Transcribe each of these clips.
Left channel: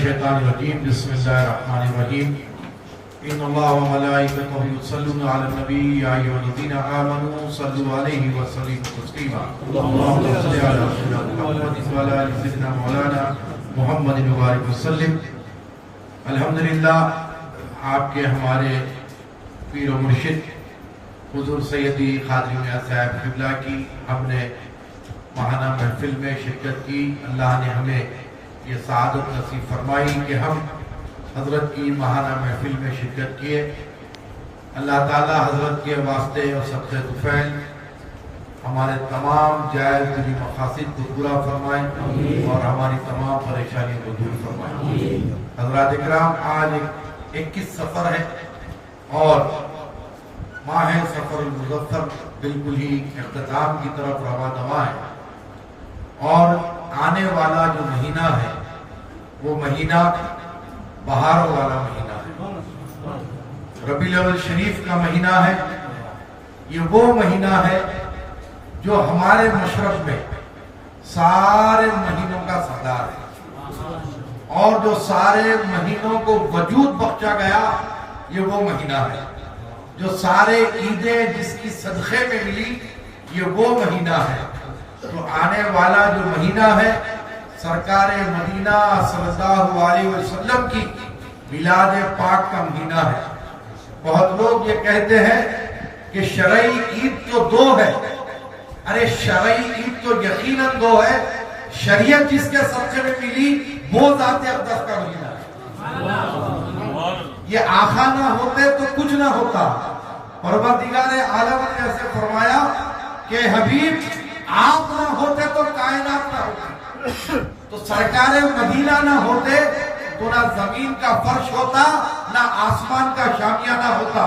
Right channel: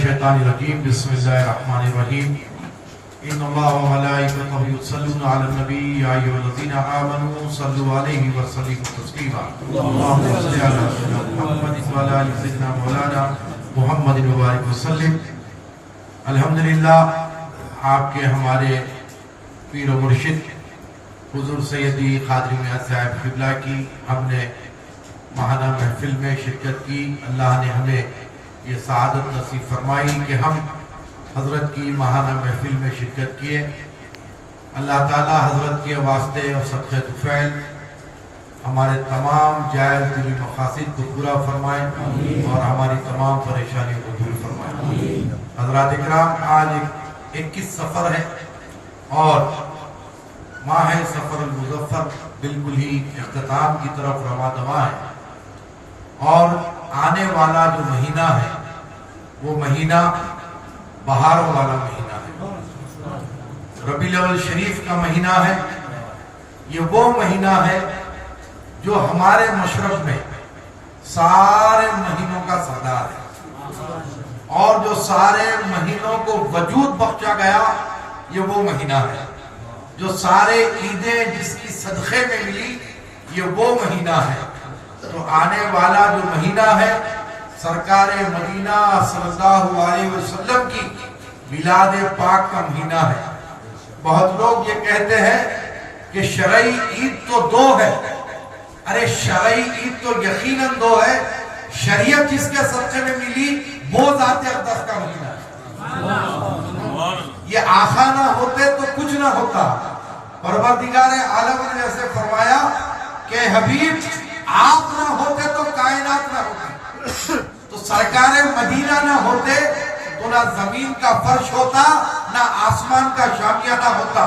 الشیطان الرجیم بسم اللہ الرحمن الرحیم ان اللہ و ملائکتہ یصلون علی النبی یا ایھا الذین آمنوا صلوا علیہ وسلموا تسلیما اللهم صل علی سیدنا محمد و علی آل سیدنا مولانا محمد مبارک وسلم۔ الحمدللہ آپ کے ہمارے پیر و مرشد حضور سیدی قادری میاں صاحب قبلہ کی ہم نے ماہانہ محفل میں شرکت کی۔ اللہ نے ہمیں یہ سعادت نصیب فرمائی کہ ہم حضرت کی ماہانہ محفل میں شرکت کیے۔ اللہ تعالی حضرت کے واسطے اور صدقہ طفیل ہمارے تمام جائز دلی مقاصد کو پورا فرمائے اور ہماری تمام پریشانیوں کو دور فرمائے۔ حضرات اکرام، آج 21 سفر ہے اور ماہ سفر المظفر بالکل ہی اختتام کی طرف رواں دواں ہے، اور آنے والا جو مہینہ ہے وہ مہینہ بہار والا مہینہ ہے، ربیع الاول شریف کا مہینہ ہے۔ یہ وہ مہینہ ہے جو ہمارے مشرق میں سارے مہینوں کا سردار ہے، اور جو سارے مہینوں کو وجود بخشا گیا یہ وہ مہینہ ہے۔ جو سارے عیدیں جس کی صدقے میں ملی یہ وہ مہینہ ہے۔ تو آنے والا جو مہینہ ہے سرکار مدینہ صلی اللہ علیہ وسلم کی میلاد پاک کا مہینہ ہے۔ بہت لوگ یہ کہتے ہیں کہ شرعی عید تو دو ہے۔ ارے شرعی عید تو یقیناً دو ہے، شریعت جس کے صدقے میں ملی وہ ذات اقدس کا مہینہ ہے۔ یہ آقا نہ ہوتے تو کچھ نہ ہوتا۔ پروردگار عالم نے ایسے فرمایا کہ حبیب آپ نہ ہوتے تو کائنات نہ ہوتی، تو سرکار مدینہ نہ ہوتے تو نہ زمین کا فرش ہوتا، نہ آسمان کا شامیانہ ہوتا،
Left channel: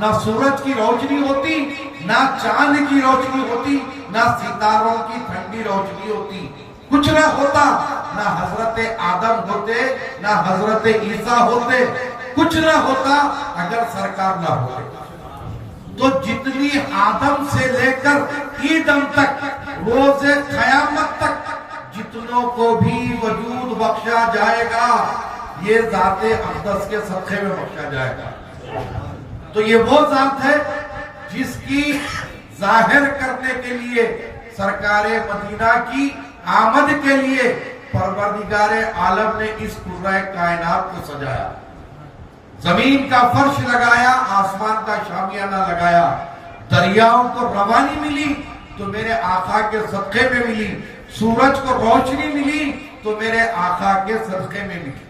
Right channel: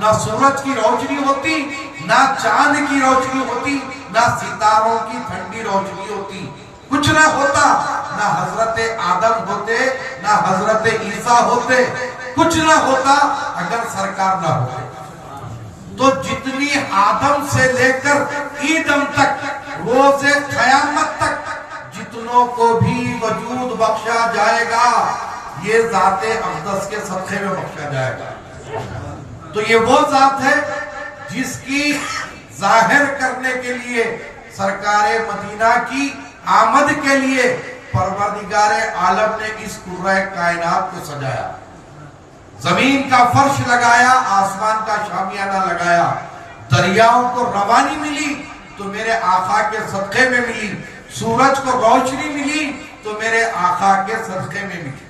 نہ سورج کی روشنی ہوتی، نہ چاند کی روشنی ہوتی، نہ ستاروں کی ٹھنڈی روشنی ہوتی، کچھ نہ ہوتا۔ نہ حضرت آدم ہوتے، نہ حضرت عیسیٰ ہوتے، کچھ نہ ہوتا اگر سرکار نہ ہوتے۔ تو جتنی آدم سے لے کر عیدم تک، روز قیامت تک جتنوں کو بھی وجود بخشا جائے گا یہ ذات اقدس کے صدقے میں بخشا جائے گا۔ تو یہ وہ ذات ہے جس کی ظاہر کرنے کے لیے سرکار مدینہ کی آمد کے لیے پروردگار عالم نے اس کرۂ کائنات کو سجایا، زمین کا فرش لگایا، آسمان کا شامیانہ لگایا، دریاؤں کو روانی ملی تو میرے آقا کے صدقے میں ملی، سورج کو روشنی ملی تو میرے آقا کے صدقے میں ملی،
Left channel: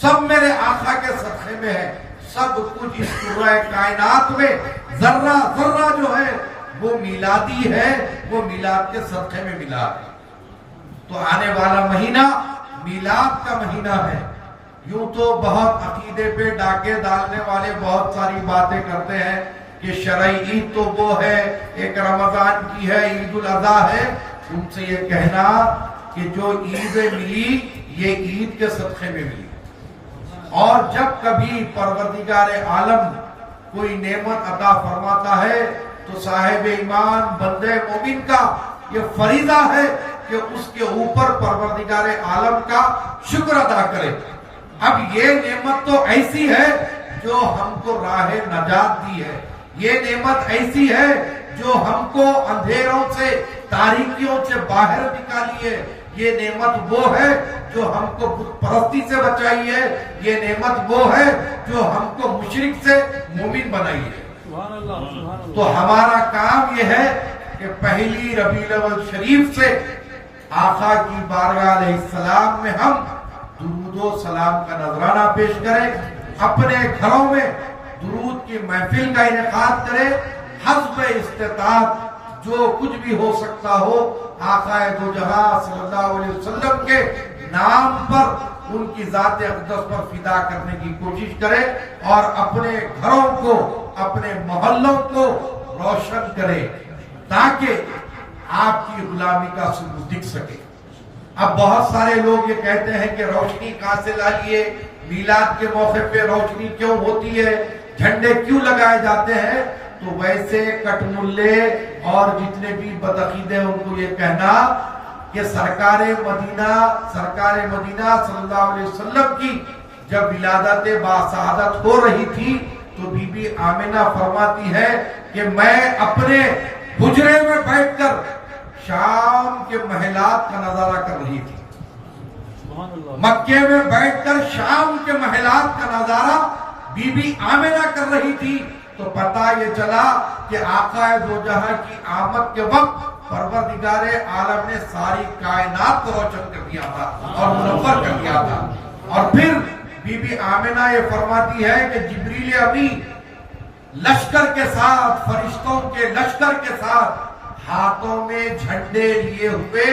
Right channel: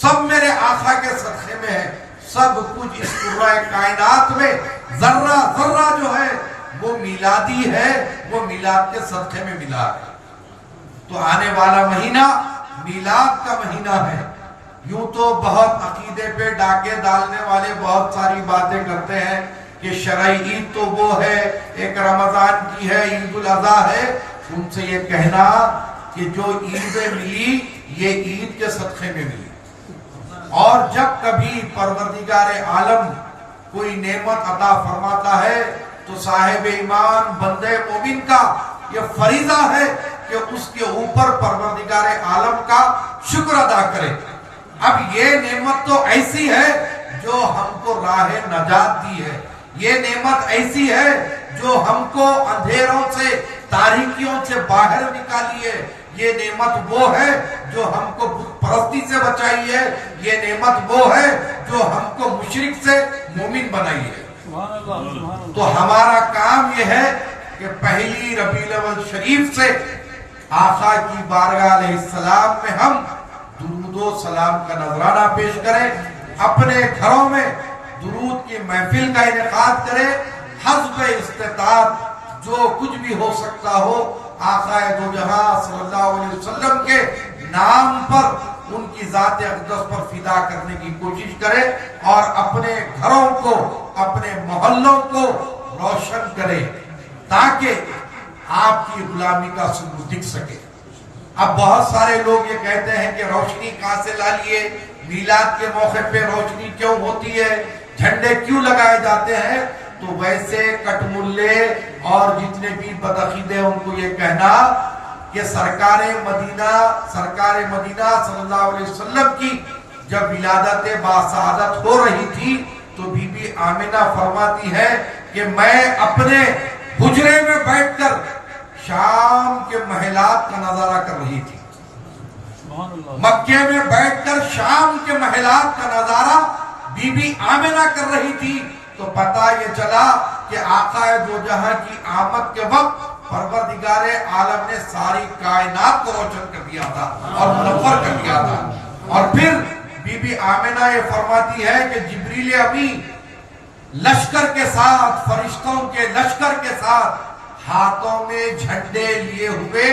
سب میرے آقا کے صدقے میں ہے۔ سب کچھ اس کرۂ کائنات میں ذرہ ذرہ جو ہے وہ میلادی ہے، وہ میلاد کے صدقے میں ملا ہے۔ تو آنے والا مہینہ میلاد کا مہینہ ہے۔ یوں تو بہت عقیدے پہ ڈاکے ڈالنے والے بہت ساری باتیں کرتے ہیں کہ شرعی عید تو وہ ہے، ایک رمضان کی ہے، عید الاضحیٰ ہے۔ ان سے یہ کہنا کہ جو عیدیں ملی یہ عید کے صدقے میں ملی، اور جب کبھی پروردگار عالم کوئی نعمت عطا فرماتا ہے تو صاحب ایمان بندے مومن کا یہ فریضہ ہے کہ اس کے اوپر پروردگار عالم کا شکر ادا کرے۔ اب یہ نعمت تو ایسی ہے جو ہم کو راہ نجات دی ہے، یہ نعمت ایسی ہے جو ہم کو اندھیروں سے، تاریکیوں سے باہر نکالی ہے، یہ نعمت وہ ہے جو ہم کو بت پرستی سے بچائی ہے، یہ نعمت وہ ہے جو ہم کو مشرک سے مومن بنائی ہے۔ تو ہمارا کام یہ ہے کہ پہلی ربیع الاول شریف سے آقا کی بارگاہ علیہ السلام میں ہم درود و سلام کا نذرانہ پیش کریں، اپنے گھروں میں درود کی محفل کا انعقاد کریں، حسب استطاعت جو کچھ بھی ہو سکتا ہو آقا دو جہاں صلی اللہ علیہ وسلم کے نام پر، ان کی ذات اقدس پر فدا کرنے کی کوشش کرے، اور اپنے گھروں کو، اپنے محلوں کو روشن کرے تاکہ آپ کی غلامی کا ثبوت دکھ سکے۔ اب بہت سارے لوگ یہ کہتے ہیں کہ روشنی کہاں سے لا لیے، میلاد کے موقع پہ روشنی کیوں ہوتی ہے، جھنڈے کیوں لگائے جاتے ہیں؟ تو ویسے کٹ ملے اور جتنے بھی بدعقیدے ان کو یہ کہنا کہ سرکار مدینہ صلی اللہ علیہ وسلم کی جب ولادت باسعادت ہو رہی تھی تو بی بی آمنہ فرماتی ہے کہ میں اپنے حجرے میں بیٹھ کر شام کے محلات کا نظارہ کر رہی تھی. مکے میں بیٹھ کر شام کے محلات کا نظارہ بی بی آمنہ کر رہی تھی. تو پتہ یہ چلا کہ آقا دو جہاں کی آمد کے وقت پروردگار عالم نے ساری کائنات کو روشن کر دیا تھا اور منور کر دیا تھا. اور پھر بی بی آمنہ یہ فرماتی ہے کہ جبریل امین لشکر کے ساتھ، فرشتوں کے لشکر کے ساتھ ہاتھوں میں جھنڈے لیے ہوئے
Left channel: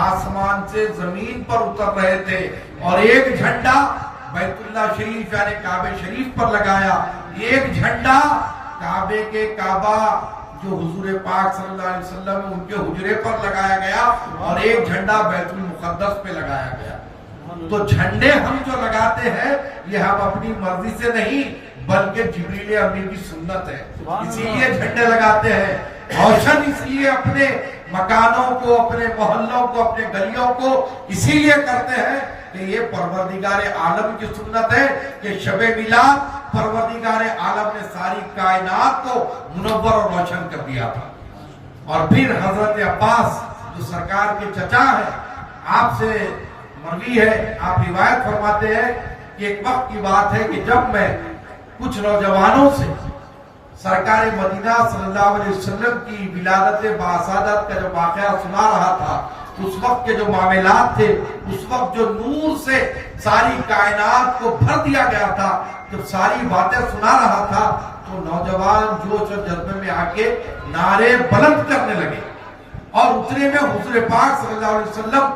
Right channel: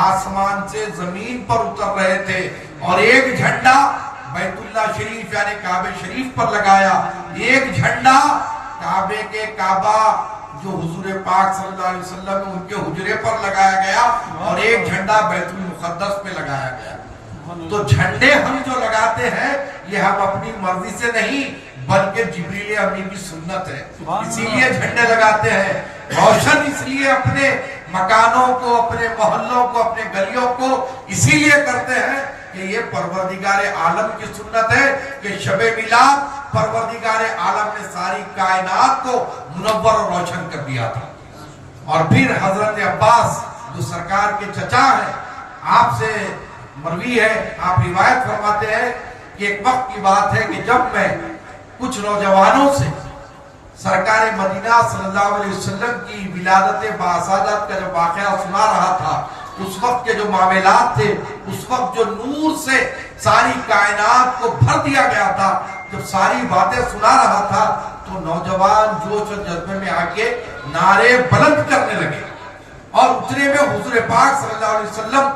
آسمان سے زمین پر اتر رہے تھے، اور ایک جھنڈا بیت اللہ شریف یعنی کعبہ شریف پر لگایا، ایک جھنڈا کعبے کے کعبہ جو حضور پاک صلی اللہ علیہ وسلم ان کے حجرے پر لگایا گیا، اور ایک جھنڈا بیت المقدس پہ لگایا گیا. تو جھنڈے ہم جو لگاتے ہیں یہ ہم اپنی مرضی سے نہیں بلکہ جبریل امین کی سنت ہے، اسی لیے جھنڈے لگاتے ہیں. روشن اس لیے اپنے مکانوں کو، اپنے محلوں کو، اپنے گلیوں کو اسی لیے کرتے ہیں کہ یہ پروردگار عالم کی سنت ہے کہ شب میلاد پروردگار عالم نے ساری کائنات کو منور اور روشن کر دیا تھا. اور پھر حضرت عباس جو سرکار کے چچا ہیں، آپ سے مروی ہے، آپ روایت فرماتے ہیں کہ ایک وقت کی بات ہے کہ جب میں کچھ نوجوانوں سے سرکار مدینہ صلی اللہ علیہ وسلم کی ولادت باسعادت کا جو واقعہ سنا رہا تھا، اس وقت کے جو معاملات تھے، اس وقت جو نور سے ساری کائنات کو بھر دیا گیا تھا، جب ساری باتیں سنا رہا تھا تو نوجوان جوش اور جذبے میں آ کے نعرے بلند کرنے لگے. اور اتنے میں حضور پاک صلی اللہ علیہ وسلم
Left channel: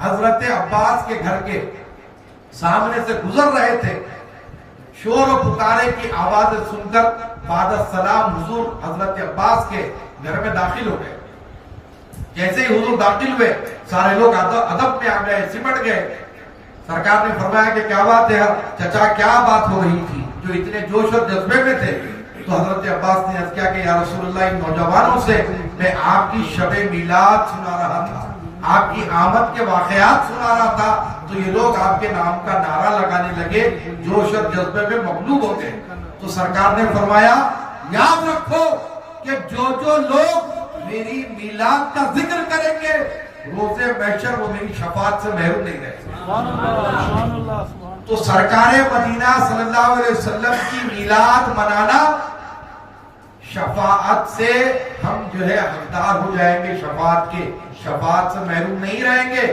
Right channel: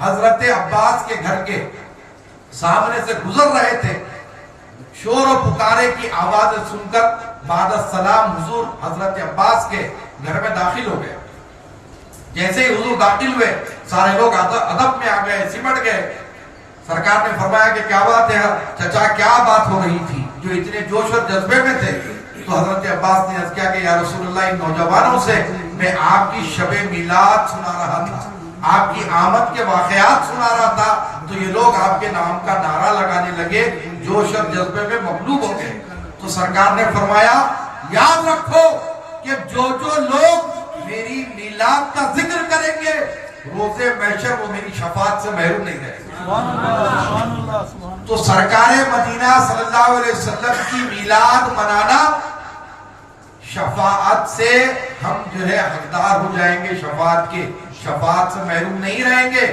حضرت عباس کے گھر کے سامنے سے گزر رہے تھے. شور و پکارے کی آوازیں سن کر بعد السلام حضور حضرت عباس کے گھر میں داخل ہو گئے. جیسے ہی حضور داخل ہوئے سارے لوگ ادب میں آ گئے، سمٹ گئے. سرکار نے فرمایا کہ کیا بات ہے چچا، کیا بات ہو رہی تھی جو اتنے جوش اور جذبے میں تھے؟ تو حضرت عباس نے عرض کیا کہ یا رسول اللہ، ان نوجوانوں سے میں آپ کی شب میلاد سنا رہا تھا، آپ کی آمد کے واقعات سنا رہا تھا، تو یہ لوگ آپ کے نام کا نعرہ لگانے لگے، جوش اور جذبے میں مغلوب ہو گئے. تو سرکار نے فرمایا یاد رکھو کہ جو لوگ میری میلاد کا ذکر کریں گے روز محشر وہ میری شفاعت سے محروم نہیں رہیں گے. تو سرکار مدینہ صلی اللہ علیہ وسلم کی میلاد منانا، شفاعت سے ہم جو ہے حقدار ہو جائیں گے، شفاعت کے، شفاعت سے محروم نہیں رہیں گے.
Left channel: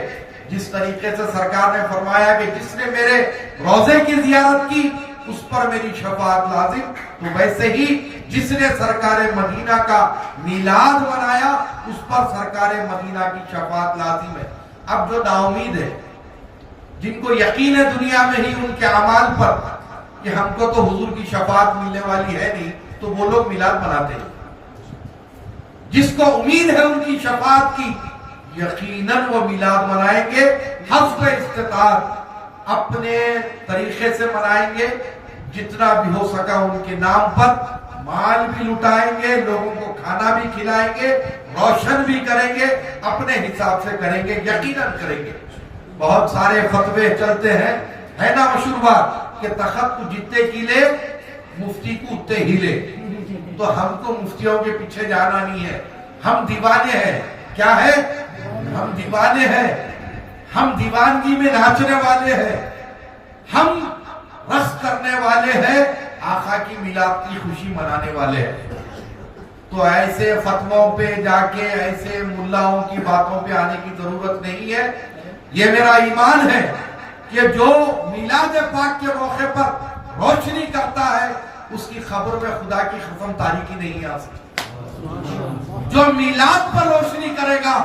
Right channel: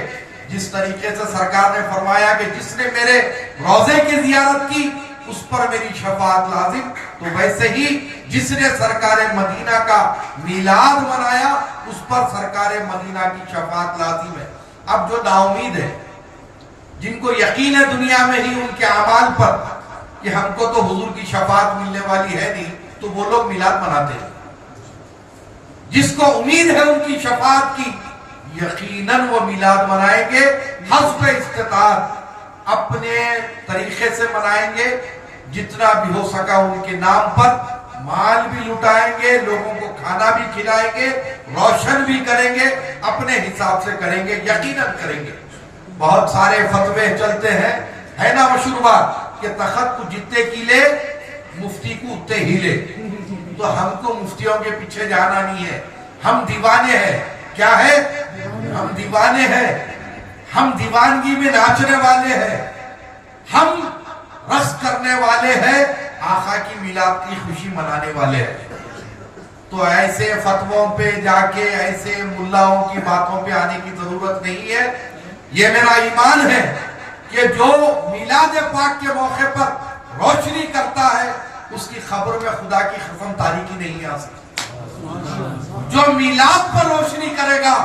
جس طریقے سے سرکار نے فرمایا کہ جس نے میرے روزے کی زیارت کی اس پر میری شفاعت لازم، تو ویسے ہی جس نے سرکار مدینہ کا میلاد منایا اس پر سرکار مدینہ کی شفاعت لازم ہے. اب جو نا امید ہے، جن کو یقین ہے دنیا میں ہی ان کے اعمال پر کہ ہم کو تو حضور کی شفاعت ملنے والی ہے نہیں، تو وہ لوگ میلاد مناتے ہیں. جس کو امید ہے ان کی شفاعت کی، یقیناً وہ میلاد منائیں گے، حسب استطاعت اپنے طریقے سے منائیں گے، جتنا بھی ہو سکا ان کے نام پر مال بھی لٹائیں گے، لوگوں کو کھانا بھی کھلائیں گے، روشن بھی کریں گے، اپنے حساب سے کریں گے، یقیناً کریں گے. بہت سارے فتوے چلتے ہیں، ہے نا مشہور بات کہ تخت کو جتنے کیلے مفتی کو اتنے ہیلے. تو ہم کو مفتیوں کے پیچھے جانا نہیں ہے، ہم دیوانے ہیں. کیا ہے؟ ہم دیوانے ہیں، ہم دیوانگی میں ناچنے والے ہیں، ہم رقص کرنے والے ہیں، آقا کی میلاد کی خوشی منانے والے ہیں. تو ایسے فتووں پہ جا کے، ایسے ملاؤں کی باتوں پہ آنے کی ضرورت نہیں ہے. یہ میرا ایمان ہے کہ جو میلاد پاک کے موقع پر روشنی کرتا ہے اس کی خبر میں خدا کی قسم تاریکی نہیں آ سکتی. جو میلاد پر روشنی کرے گا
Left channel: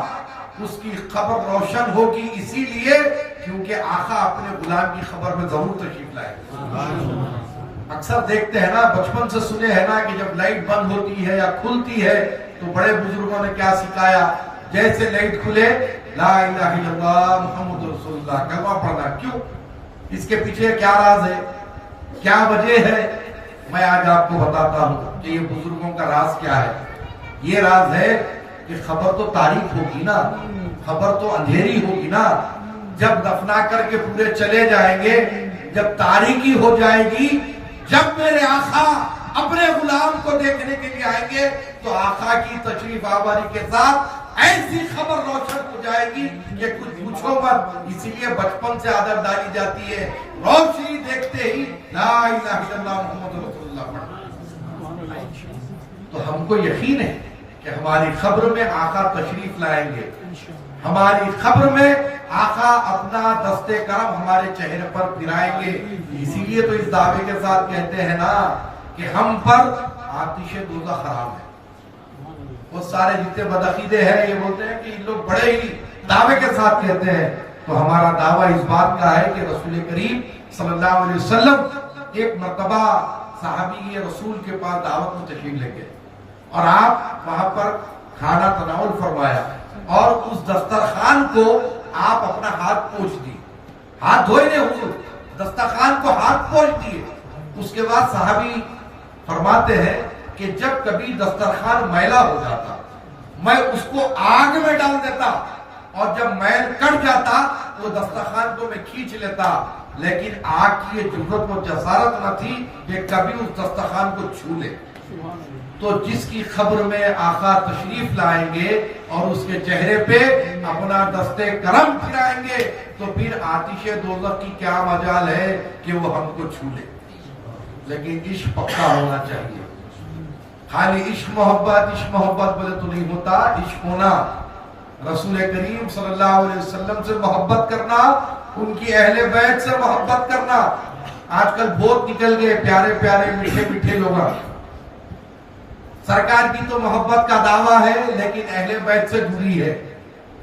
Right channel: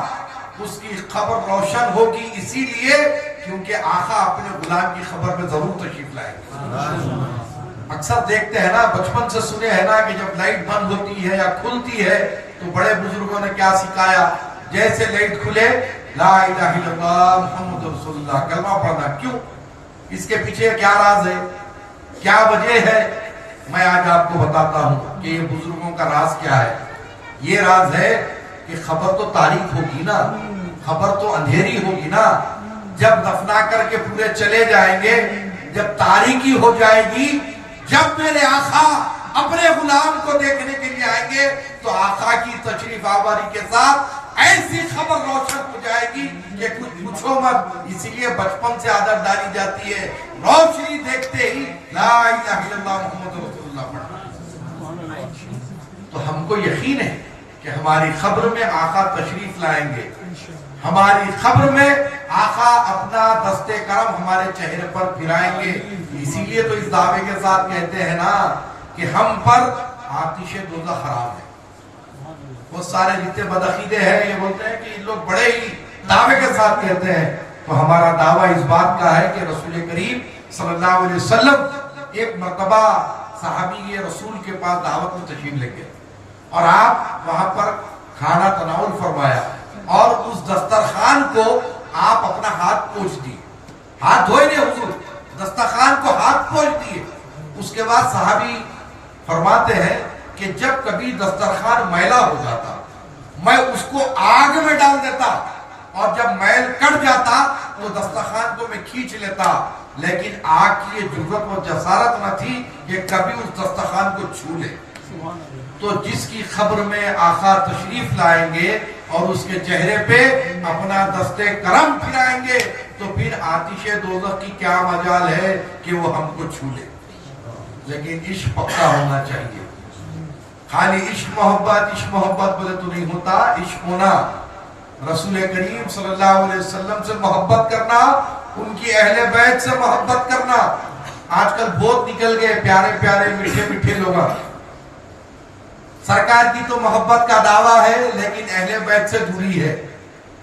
اس کی خبر روشن ہوگی، اسی لیے کیونکہ آقا اپنے غلام کی خبر میں ضرور تشریف لائے گا. اکثر دیکھتے ہیں نا، بچپن سے سنے ہیں نا کہ جب لائٹ بند ہوتی ہے یا کھلتی ہے تو بڑے بزرگوں نے کیا سکھایا، جیسے لائٹ کھلے لا الہ الا اللہ محمد رسول اللہ کلمہ پڑھنا. کیوں؟ اس کے پیچھے کیا راز ہے، کیا وجہ ہے؟ میں آج آپ کو بتاتا ہوں کہ یہ بزرگوں کا راز کیا ہے. یہ راز ہے کہ خبر تو تاریخ ہوگی نا، خبر تو اندھیری ہوگی نا، جب دفنا کر کے پورے چلے جائیں گے، جب تاریکی ہو جائے گی، جب میرے آقا اپنے غلام کو دیکھنے کے لیے آئیں گے تو آقا کی تشریف آوری کے ساتھ ایسی خبر روشن ہو جائے گی کہ کچھ پوچھو مت۔ اسی لیے بچپن سے عادت ڈالی جاتی ہے، روشنی دیکھتے ہی لا الہ الا اللہ محمد رسول اللہ پڑھنا۔ تو ہم کو یقین ہے کہ ہماری خبر میں آقا تشریف لائیں گے، ہماری خبر میں آقا اپنا دست کرم ہمارے چہرے پر پھرائیں گے۔ اسی لیے تو اس دعوے کے ساتھ کہتے ہیں نا کہ ہم پر آتش دوزخ حرام ہے۔ وہ سارے جتنے بدعقیدے ہیں یہ بولتے ہیں کہ ان لوگ بڑے ہی دعوے کے ساتھ کہتے ہیں، تو ہمارا دعویٰ اس بات کا ہے کہ رسول کریم صلی اللہ علیہ وسلم ایک مرتبہ صحابی رسول کے پاس دعوت میں تشریف لے گئے اور آپ وہاں پر کھانا تناول فرمایا اور اس دسترخوان کو آپ اپنا ہاتھ پوچھ دیے، ہاتھ دھوئے نہیں حضور، دسترخوان کو ہاتھ پوچھ دیے۔ اس کے بعد صحابی فرماتے ہیں کہ جب کبھی دسترخوان میلا ہو جاتا میں اس کو آگ میں ڈال دیتا اور جب میل کٹ جاتا وہ دسترخوان کو میں کھینچ لیتا، لیکن آگ کی یہ جرأت و جسارت نہ تھی کہ کبھی اس دسترخوان کو چھو لے۔ تو جس کی خبر میں آقا تشریف لائیں گے اور اس کے چہرے پہ اپنا دست کرم پھرائیں گے تو پھر آتش دوزخ کی کیا مجال ہے کہ وہ ہم کو چھو لے۔ لیکن عشق پکا ہونا چاہیے، خالی عشق محبت بولے تو نہیں ہوتا، عشق ہونا، رسول کریم صلی اللہ علیہ وسلم سے محبت کرنا، ان کی اہل بیت سے محبت کرنا۔ آج کل بہت نکل گئے پیارے پیارے میٹھے میٹھے لوگ، سرکار کی تو محبت کا دعویٰ ہے لیکن اہل بیت سے دوری ہے۔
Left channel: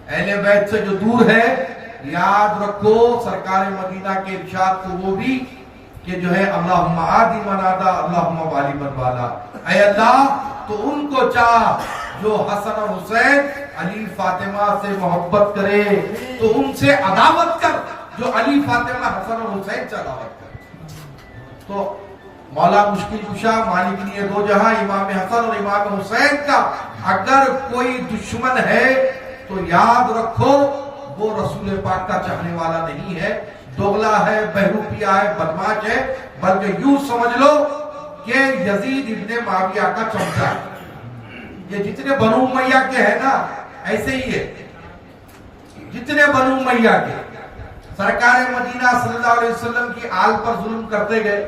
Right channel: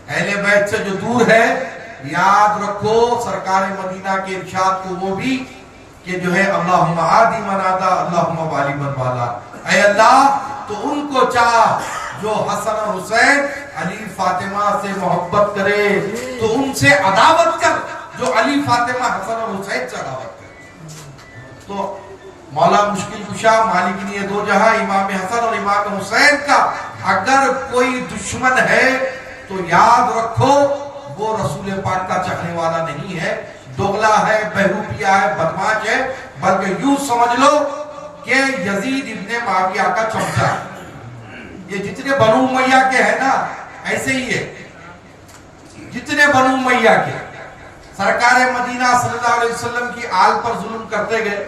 اہل بیت سے جو دور ہے، یاد رکھو سرکار مدینہ کے ارشاد کو وہ بھی کہ جو ہے اللہم عادی من عادا اللہم والی من والا، اے اللہ تو ان کو چاہ جو حسن اور حسین علی فاطمہ سے محبت کرے، تو ان سے عداوت کر جو علی فاطمہ حسن اور حسین سے عداوت کرے۔ تو مولا مشکل کشا مالک نے دو جہاں امام حسن اور امام حسین کا اگر کوئی دشمن ہے تو یاد رکھو وہ رسول پاک کا چاہنے والا نہیں ہے، دوغلا ہے، بہروپیہ ہے، بدماش ہے، بلکہ یوں سمجھ لو کہ یزید ابن معاویہ کا چمچا ہے۔ یہ جتنے بنو امیہ کے ہیں نا ایسے ہی ہے، جتنے بنو امیہ کے سرکار مدینہ صلی اللہ علیہ وسلم کی آل پر ظلم کرتے گئے،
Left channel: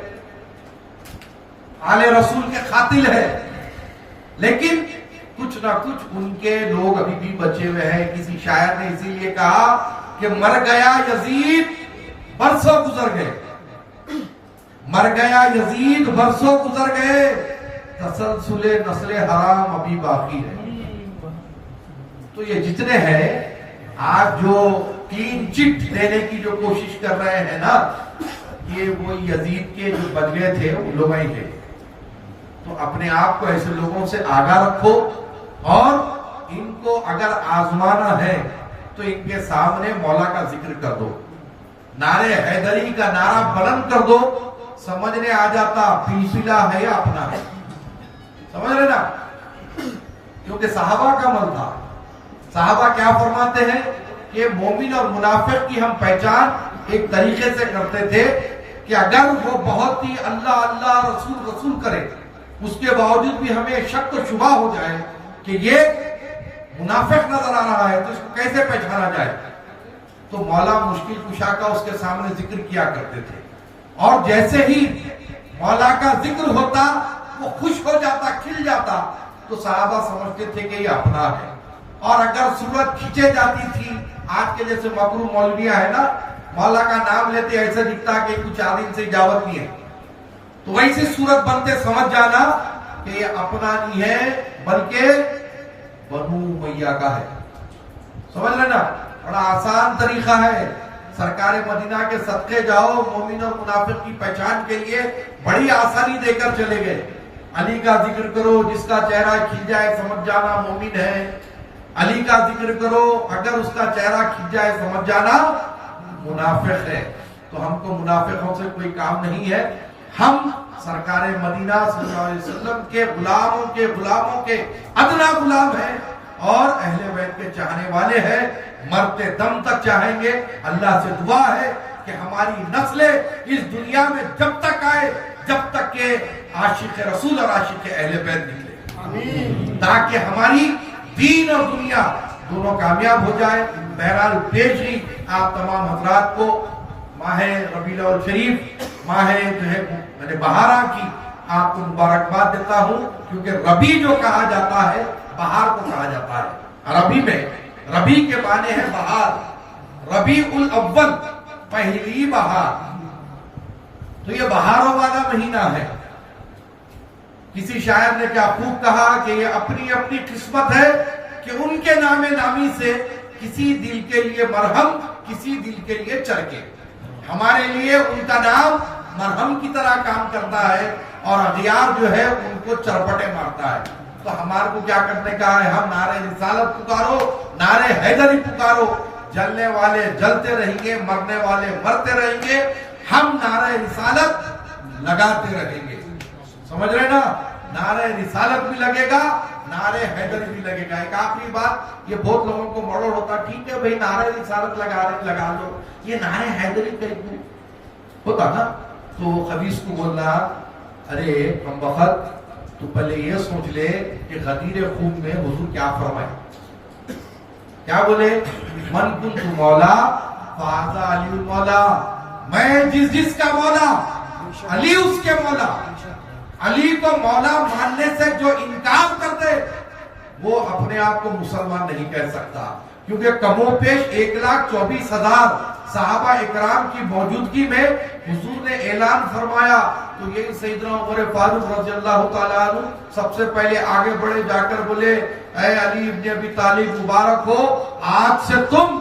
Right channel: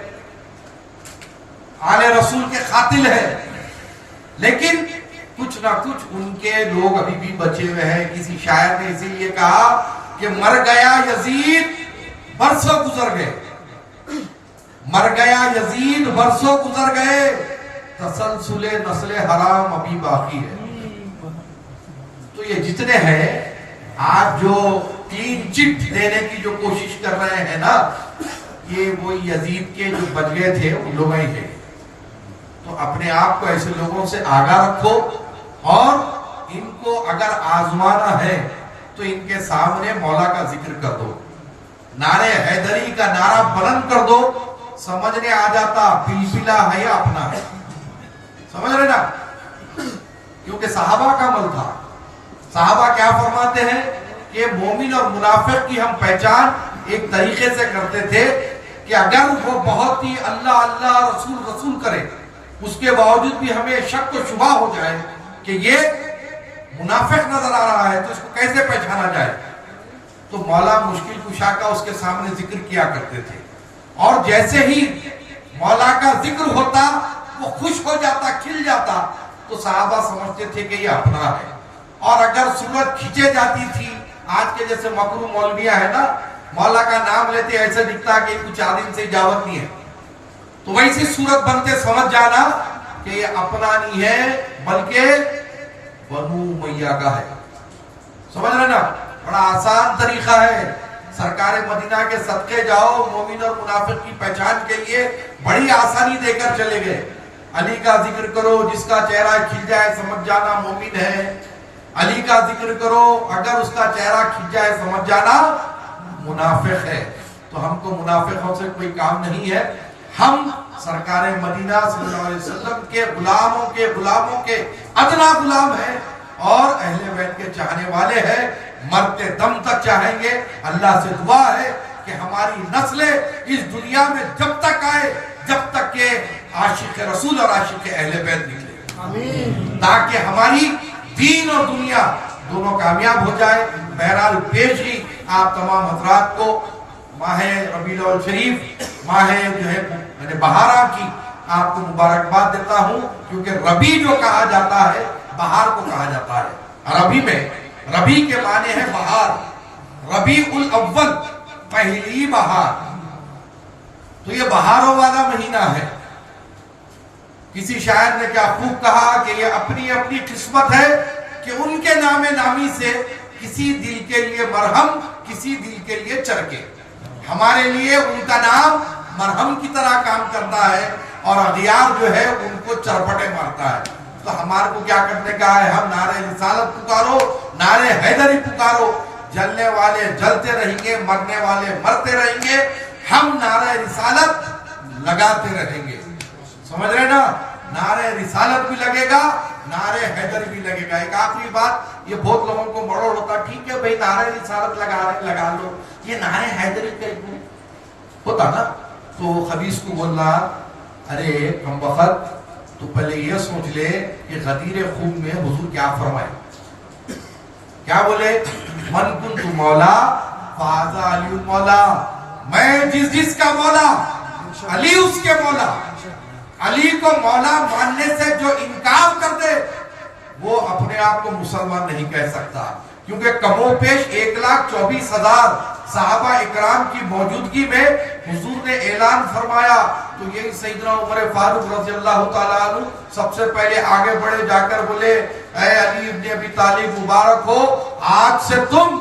آل رسول کے قاتل ہے، لیکن کچھ نہ کچھ ان کے لوگ ابھی بھی بچے ہوئے ہیں۔ کسی شاعر نے اسی لیے کہا کہ مر گیا یزید برسوں گزر گئے، مر گیا یزید برسوں گزر گئے، تسلسل نسل حرام ابھی باقی ہے۔ تو یہ جتنے ہیں آج جو کلین چٹ دینے کی جو کوشش کر رہے ہیں نا، یہ وہ یزید کے جو بچ گئے تھے ان لوگ ہی ہیں۔ تو اپنے آپ کو ایسے لوگوں سے آگاہ رکھو اور ان کو اگر آزمانا ہے تو ان کے سامنے مولا کا ذکر کر دو، نعرے حیدری کا نعرہ بلند کر دو، سمجھنے آ جاتا پلپلا ہے یا اپنا ہے، سمجھ رہے نا؟ کیونکہ صحابہ کا عمل تھا۔ صحابہ کیا فرماتے ہیں کہ مومن اور منافق کی ہم پہچان ایک طریقے سے کرتے تھے کہ اگر وہ بہت ہی اللہ اللہ رسول رسول کرے، اس کے باوجود بھی ہمیں شک و شبہ ہو جائے کہ یہ منافق نظر آ رہا ہے تو اس کو کیسے پہچانا جائے، تو مولا مشکل کشا کا اس کے سامنے ذکر کیا کرتے تھے، اور جیسے ہی مولا کا ذکر ہوتا وہ خوش ہو جاتا، کھل جاتا، تو صحابہ سمجھتے تھے کہ یہ اپنا ہے۔ اور اگر صورت کھینچے جاتی تھی، آج کے جیسے مکروہ مولویہ ہے نا، مولا کا نام لیتے ایسے دکھتا کہ کچھ عالم سے اجازت نہیں ہے، تو ویسی صورت بنتے سمجھ جانا کہ یہ اپنا نہیں ہے بلکہ بنو امیہ کا ہے۔ سمجھ رہے نا؟ بڑا آسان طریقہ ہے، سرکار مدینہ کے صدقے جاؤ، مومن اور منافق کی پہچان کے لیے بڑی آسانی دے کر چلے گئے۔ علی کا ذکر کرو، جس کا چہرہ کھل جائے سمجھ جانا مومن ہے، علی کا ذکر کرو، اگر اس کا چہرہ کھل جائے سمجھ جانا منافق ہے۔ تو ہم کو منافقوں سے کوئی کام نہیں ہے، ہم سرکار مدینہ صلی اللہ علیہ وسلم کے غلاموں کے ادنا غلام ہیں اور اہل بیت کے چاہنے والے ہیں۔ مرتے دم تک چاہیں گے. اللہ سے دعا ہے کہ ہماری نسلیں اس دنیا میں جب تک آئے جب تک کہ عاشق رسول اور عاشق اہل بیت نکلے، تاکہ ہماری دین اور دنیا دونوں کامیاب ہو جائے. بہرحال پیش ہی آپ تمام حضرات کو ماہ ربیع الاول شریف، ماہ جو ہے بہارا کی آپ کو مبارکباد دیتا ہوں، کیونکہ ربیع جو کہا جاتا ہے بہار کو کہا جاتا ہے. عربی میں ربیع کے معنی ہے بہار، ربیع الاول پہلی بہار. تو یہ بہاروں والا مہینہ ہے. کسی شاعر نے کیا خوب کہا کہ یہ اپنی اپنی قسمت ہے کہ ان کے نام نامی سے کسی دل کے لیے مرہم، کسی دل کے لیے چرکے. ہمارے لیے ان کا نام مرہم کی طرح کام کرتا ہے اور اغیار جو ہے ان کو چرپٹے مارتا ہے. تو ہمارے کو کیا کرنے کا ہے؟ ہم نعرہ رسالت پکارو، نعرہ حیدری پکارو. جلنے والے جلتے رہیں گے، مرنے والے مرتے رہیں گے، ہم نعرہ رسالت لگاتے رہیں گے. سمجھ رہے نا؟ نعرہ رسالت بھی لگے گا، نعرہ حیدری بھی لگے گا. ایک آخری بات، یہ بہت لوگوں کو مڑوڑ ہوتا، ٹھیک ہے بھئی نعرہ رسالت لگا لو، یہ نعرہ حیدری کہیں ہوتا نا. تو خبیث کو بول رہا، ارے ہم وقت تو پہلے یہ سوچ لے کہ غدیر خوب میں حضور کیا فرمائے. کیا بولے؟ من کنت مولا فہذا علی المولا. میں جس کا مولا، علی اس کے مولا. علی کو مولا ماننے سے جو انکار کرتے وہ اپنے آپ کو مسلمان نہیں کہہ سکتا. کیونکہ کم و پیش 1,24,000 صحابہ اکرام کی موجودگی میں حضور نے اعلان فرمایا. تو یہی سیدنا عمر فاروق رضی اللہ تعالیٰ عنہ سب سے پہلے آگے بڑھے، جا کر بولے اے علی ابن ابی طالب مبارک ہو، آج سے تم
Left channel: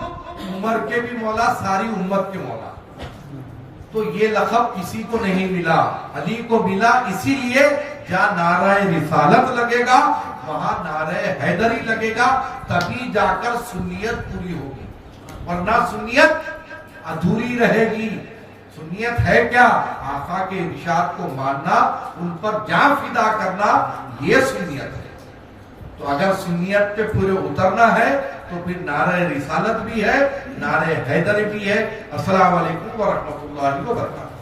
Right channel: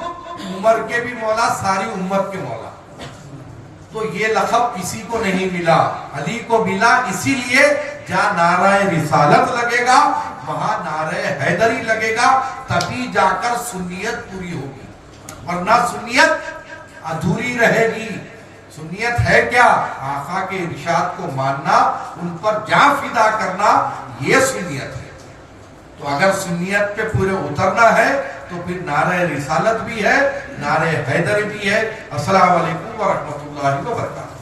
عمر کے بھی مولا، ساری امت کے مولا. تو یہ لقب کسی کو نہیں ملا، علی کو ملا. اسی لیے جہاں نعرہ رسالت لگے گا وہاں نعرہ حیدری لگے گا، تبھی جا کر سنیت پوری ہوگی، ورنہ سنیت ادھوری رہے گی. سنیت ہے کیا؟ آقا کے ارشاد کو ماننا، ان پر جان فدا کرنا، یہ سنیت ہے. تو اگر سنیت پہ پورے اترنا ہے تو پھر نعرہ رسالت بھی ہے، نعرہ حیدری بھی ہے. السلام علیکم ورحمۃ اللہ وبرکاتہ.